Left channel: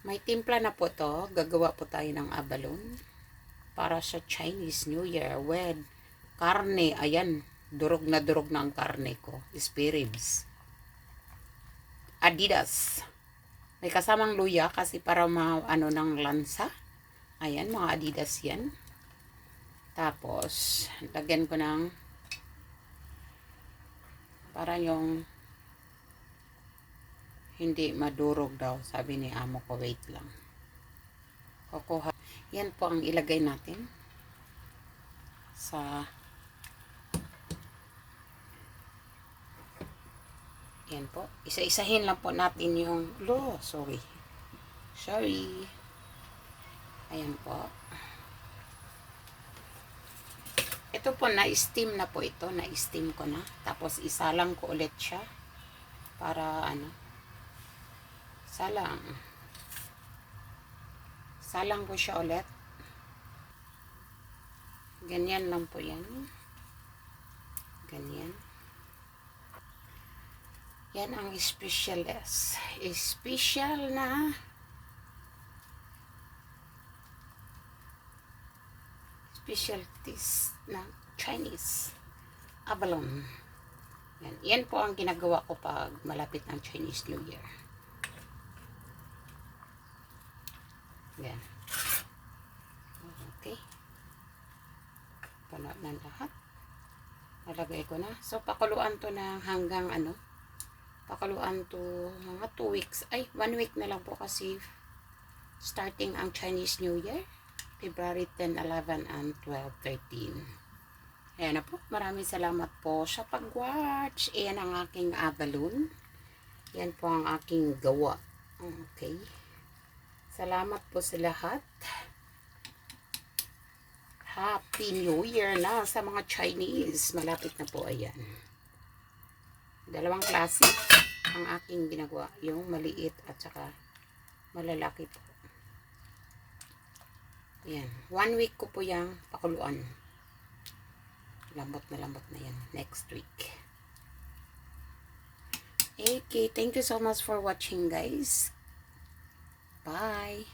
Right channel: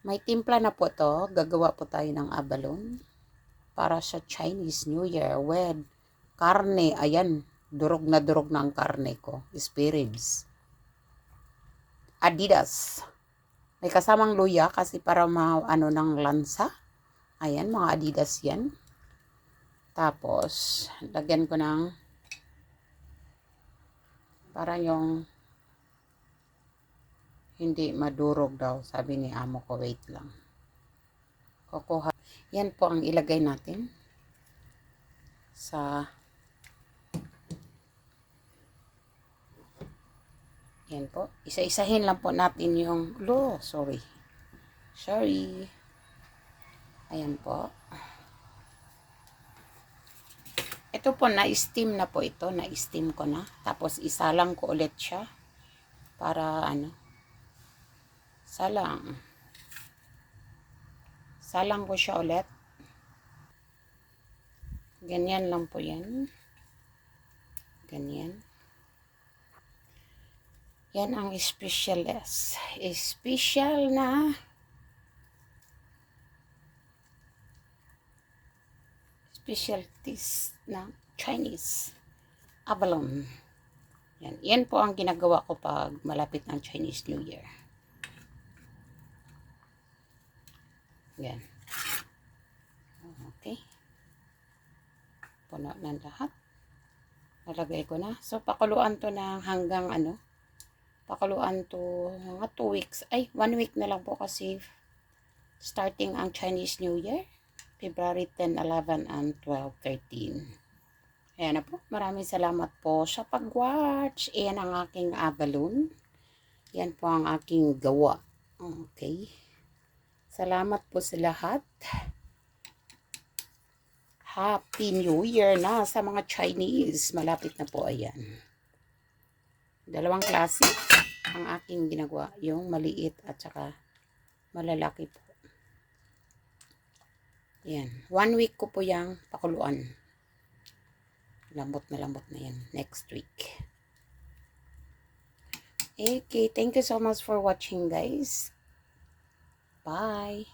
May timpla na po to. Gagawa po tayo ng abalon para sa Chinese New Year with karne. Ayan, durog na durog na ang karne ko. Spare ribs. Adidas. May kasamang luya kasi para ma ano ng lansa. Ayan, mga Adidas yan. Tapos, lagyan ko ng para yung hindi madurog daw, sabi ni amo ko, wait lang. Kukuha. Yan po ang ilagay natin sa Yan po. Isa-isahin lang po natin yung lo, sorry. Sorry. Ayan po. Ito po, na-steam na po ito. Na-steam ko na. Tapos, isa lang ko ulit siya. Para, ano, salang. Salang ko siya ulit. Ganyan lang po yan. Ganyan. Yan ang special S. Special na specialties na Chinese abalone. Yan. Yan po ang ginagawa ko pag malapit ng Chinese New Year. Yan. Okay. Puno ng lahat. Nalagay ko na. So, pakuluan to na hanggang ano, pakuluan to mga 2 weeks. Ay, 1 week na lang po kasi starting ang Chinese New Year. February 10, 11, and 12, 13. Ayan na po. Maraming salamat po sa pag-watch. Ayan ang aking abalone. Yan po ang aking gawa. Okay. Salamat po sa lahat. Happy New Year na sa mga Chinese. Malapit na po ayan. Dalawang klase ang aking ginagawa. Yung maliit at saka malalaki po. Yan. One week ko po yung pakuluan. Lambot na lambot na yan. Next week. Okay. Thank you so much for watching guys. Bye.